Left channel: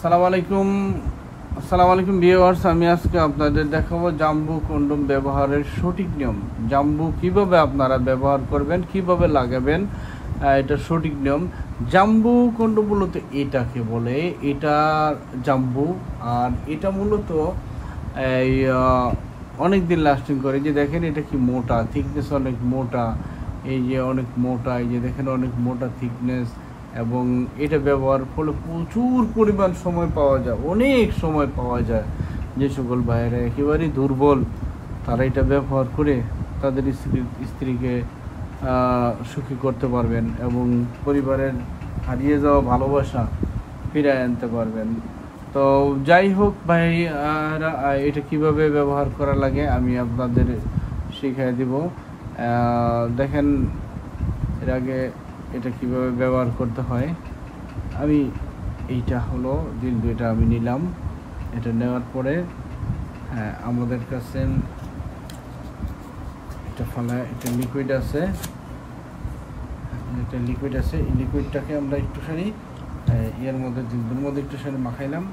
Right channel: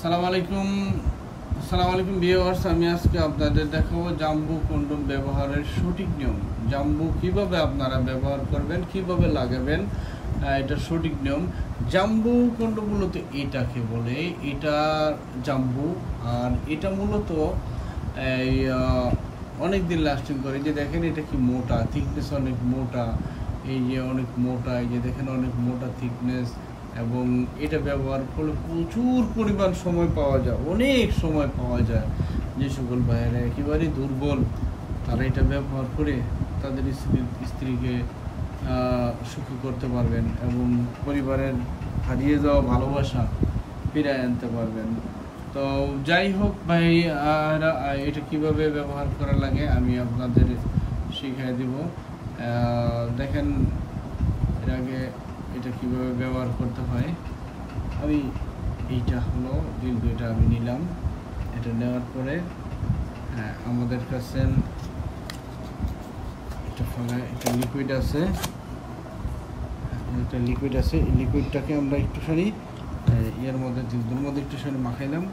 আসসালামু আলাইকুম ভিউয়ার্স, আমি আজকে আপনাদের দেখাবো জাম্বু কন্ডোম ব্যবহারের সঠিক নিয়ম। জাম্বু কিভাবে আপনারা ব্যবহার করবেন, কিভাবে লাগাবেন, এটা সঠিক নিয়ম। জাম্বু কন্ডোম মূলত এটাকে বলে, এটা জাম্বু। আর এটা মূলত এই অনেক দিন লাস্টিং করে। যে দেখেন এটা কি মোটা, থিকনেস অনেক মোটা, এই যে অনেক মোটা, এই যে দেখেন অনেক মোটা থিকনেস। এবং এটা ব্যবহার করলে প্রচুর পরিমাণ সময় পাওয়া যায়, অনেক সময় পাওয়া যায়। যে সকল ভাইয়েরা একেবারেই দুর্বল, তারা এটা ব্যবহার করে তাদের স্ত্রীকে সুখী করতে পারবেন এবং পরিবারের হারিয়ে যাওয়া ভালোবাসা ফিরে আনতে পারবেন। তো যাই হোক ভাই, এটা কিভাবে ব্যবহার করা লাগে আমি আপনাদের শিখিয়ে দিব। দেখেন এর আগে এটা কিভাবে ব্যবহার করতে হয়। আমি এইটা হলো এটা আমি নিলাম। এটা নেওয়ার পরে আমাদের কাছে এটা লিকুইড আছে, এই লিকুইডটাকে আমরা একটুখানি এর মধ্যে দুধের মধ্যে একটুখানি মাখাইলাম।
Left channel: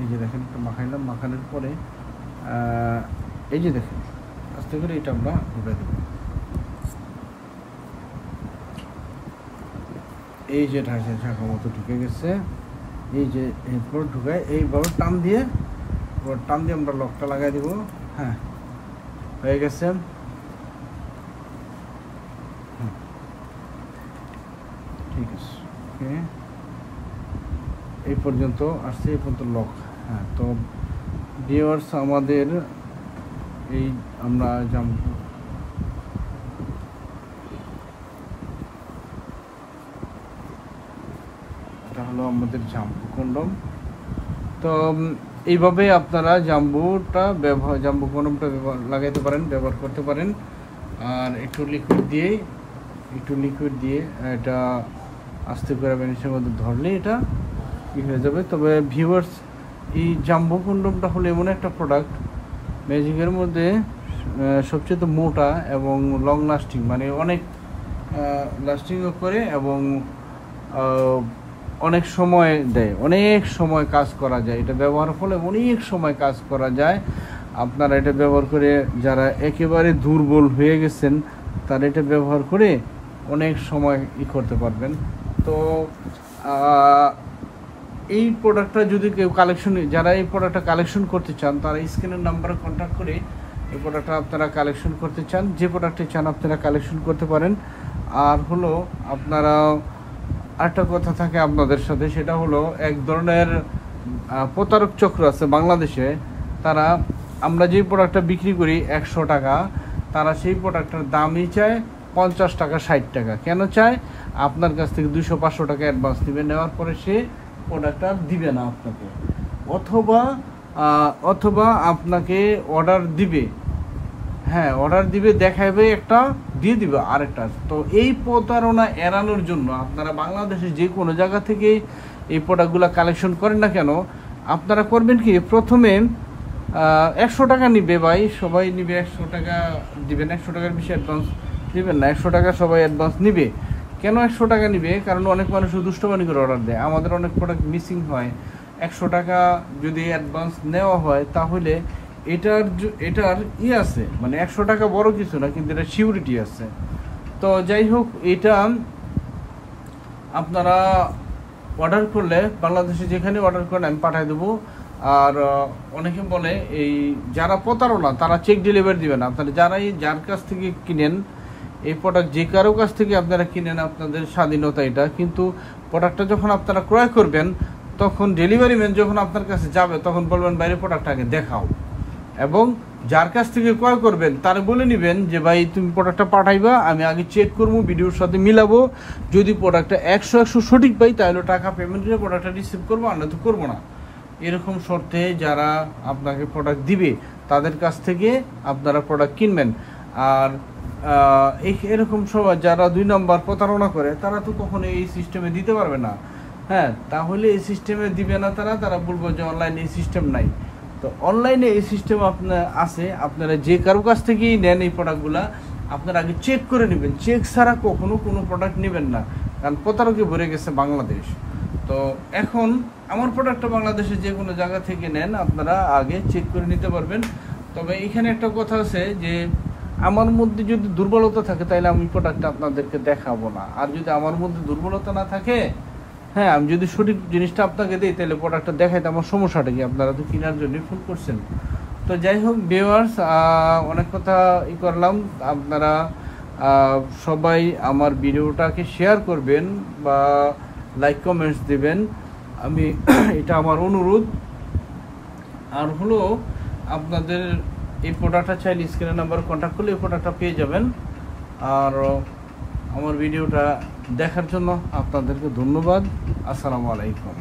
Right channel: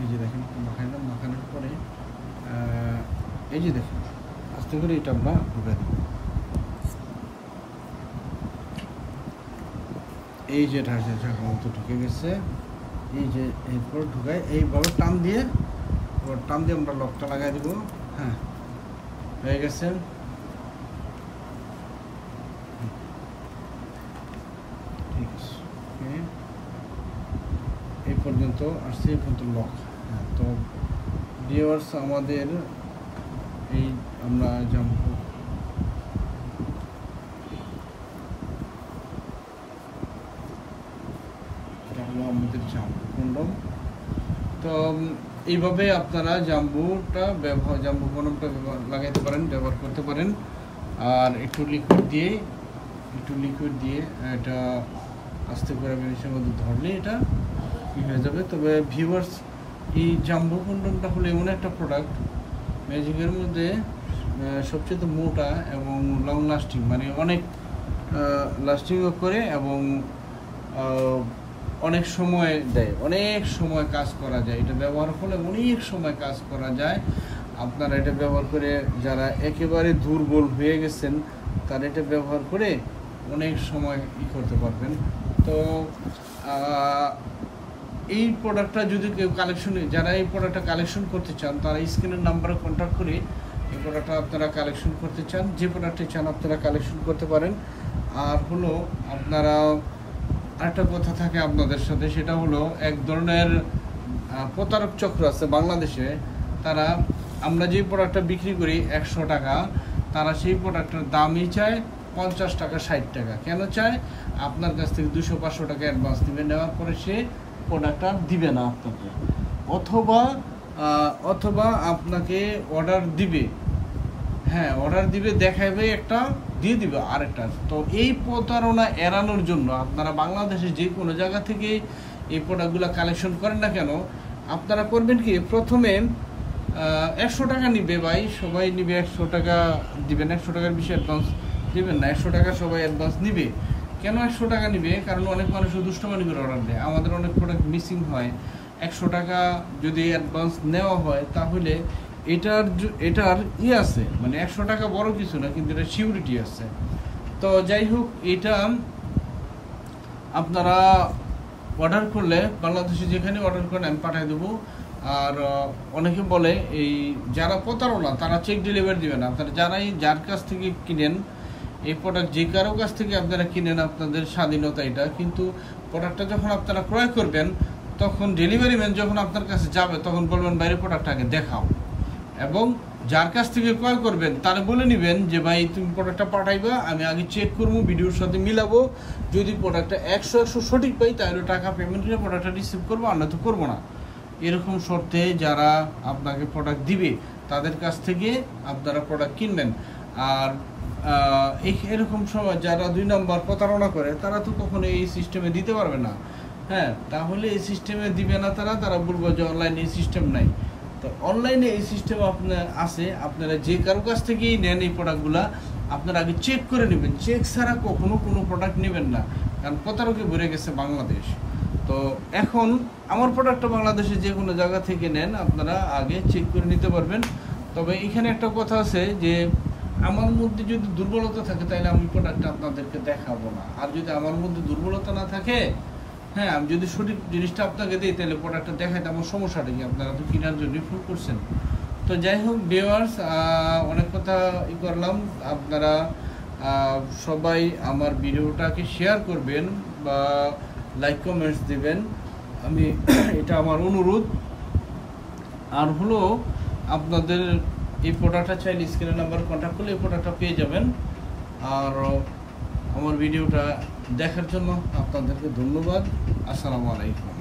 এই যে দেখেন মাখাইলাম, মাখানোর পরে এই যে দেখেন আস্তে করে এটা আমরা ঢুকে দেবো। এই যে ঢাকা মতো ঢুকে গেছে, এই যে এরপর ঢুকায় এইভাবে টান দিয়ে আমরা লকটা লাগাই দিব। হ্যাঁ, হয়ে গেছে। ঠিক আছে, এই পর্যন্ত আসছে, এই পর্যন্ত লক। হ্যাঁ, তো ভিউয়ার্স আমাদের এই আমরা জাম্বু হলো আমাদের জাম্বু কন্ডোম। তো এইভাবে আপনারা জাম্বু কন্ডোমটা লাগাইতে পারেন, ব্যবহার করতে পারেন। আর একটু লিকুইড দিয়ে এটা আস্তে করে বেনিসের মধ্যে ধরলে এটা কি হয়ে যাবে। তবে ভিউয়ার্স, এই জাম্বু কন্ডোমটা হলো এমন একটা প্রোডাক্ট ম্যাজিকের মধ্যে সবচেয়ে মোটা এবং লং লাস্টিং, মানে অনেক লাস্টিংও করে এবং অনেক সময় দেয়, অনেক সময় কাজ করা যায়। এটা ব্যবহার ফলে অনেক সময় কাজ করা যায়। আপনারা এটা ব্যবহার করে যারা একেবারে দুর্বল হয়ে গেছেন, তারা এটা ব্যবহার করে অনেক সময় করতে পারবেন। তো এই প্রোডাক্টটা যদি কেউ যারা এই প্রোডাক্টটা কালেকশন করতে চান, তারা স্ক্রিনের নাম্বারে কন্ট্যাক্ট করে এই প্রোডাক্টটা আপনারা কালেকশন করতে চান, যে প্রোডাক্টটি চান আপনারা কালেকশন করতে পারেন। আর হলো আপনারা আরেকটা কথা থাকে আপনাদের সাথে, সেটা হলো এক ধরনের প্রতারক চক্র আছে বাংলাদেশে। তারা আমরা যে প্রোডাক্টটা বিক্রি করি 100 টাকা, তারা সেই প্রোডাক্টটার দামই চায় 50 টাকা 60 টাকা। কেন চায়? আপনার কাছ থেকে 200-500 টাকা অ্যাডভান্স দিবে, নেওয়ার পরে সে প্রোডাক্টটা দিবে না আপনাকে, অথবা আপনাকে অর্ডার দিবে, অর্ডার দিবে, দেখাবে একটা, দিয়ে দিবে আরেকটা। তো এই প্রতারণা এড়ানোর জন্য আপনারা বাংলাদেশে যে কোনো জায়গা থেকে এই প্রোডাক্টগুলো কালেকশন করেন না কেন, আপনারা করবেন কি, প্রথমে 100 টাকা নিবে ভাই, সবাই নিবে 100 টাকা দিবেন, 100 টাকার বেশি অ্যাডভান্স দিবেন না। 100 টাকা সবাই অ্যাডভান্স নিবে। কেন 100 টাকা নিবে? কারণ অনেক মানুষ দুষ্টমানি করে অর্ডার দেয়, আমাদের অনেক প্রোডাক্ট মিসিং হয়। 100 টাকা যদি অ্যাডভান্স নেওয়া হয় তাহলে এটার আছে, মানে 100 টাকা বড় কিছু না, কিন্তু এটা সিউরিটি আছে। তো যাই হোক, এটা আপনারা অর্ডার করলে বাংলাদেশে যেখানে অর্ডার করেন আমি পাঠিয়ে দেবো। আর অনেকে বলে এই যারা প্রতারণা, তারা চেক ডেলিভারি দিবে না। আপনারা যার কাছ থেকে কিনেন এই প্রোডাক্ট, যে কারো কাছ থেকে আপনারা কিনেন, আপনাদের স্বাধীনতা এটা, কিন্তু প্রোডাক্টটা যখন আপনারা ক্রয় করবেন, তখন ডেলিভারি ম্যান যখন আপনার কাছে যাবে, তখন বলবেন বাইরে প্রোডাক্টটা আগে দেখাও। এবং যার কাছ থেকে ক্রয় করবেন তারা বলে নেবেন যে ভাই তুমি প্রোডাক্টটা পাঠাইবা, আমি আগে চেক করবো, ভিডিওর সাথে মিলাবো, যদি প্রোডাক্টটা 100 সঠিক পাই তাহলে টাকা পেমেন্ট করে প্রোডাক্টটা রিসিভ করবো, আর নয়তো করবো না। এরকম শর্তে যারা আপনাকে প্রোডাক্ট দিবে তাদের কাছ থেকে আপনারা প্রোডাক্ট কিনবেন। আর এরকম সবাই যারা 2 নম্বর প্রতারণা করে, তারা তো কখনো এই সিস্টেমে দিতে পারবে না। তাহলে এই সিস্টেমে দিবে না, তারা বলবো যে অনলাইনে এই সিস্টেম নাই। তো অনলাইনে এই সিস্টেম আপনার আছে, আপনারা যে কারো কাছ থেকেই নেন এই প্রোডাক্টগুলা, আপনারা আগে চেক করে নেবেন। চেক ছাড়া কখনো কোনো প্রোডাক্ট নেবেন না, কারণ প্রতারকে ভরে গেছে বাংলাদেশ। তো এখন আমার প্রোডাক্টটা বাংলাদেশে যে কোনো জায়গা থেকে নেন, আপনারা আগে চেক করে নিতে পারবেন। তবে এখানে একটা কথা আছে যে আমার মধ্যে যদি দুর্বলতা থাকে তাহলে আমি প্রোডাক্টটা আপনাদেরকে দেখাবো না। আর যদি আমার মধ্যে দুর্বলতা না থাকে, হ্যাঁ, আমি যদি সঠিক জিনিসটা আপনাকে দিই তাহলে প্রোডাক্টটা দেখাইতে আমার সমস্যাটা কি? আপনারা তো কেনার জন্যই ফোন করছেন। তো যাই হোক ভিউয়ার্স, অনেক কথা করলাম। আপনারা সবাই আমার ভিডিওটাকে শেয়ার করবেন বা লাইক কমেন্টস দিবেন, আমি এটা আমার অনুরোধ। আর হলো আপনাদের এই প্রোডাক্টটা চাইলে স্ক্রিনের নাম্বার কন্ট্যাক্ট করলে এই প্রোডাক্টটা পেয়ে যাবেন। আর আমার ভিডিওটা দেখার জন্য আপনাদেরকে ধন্যবাদ। আসসালামু আলাইকুম।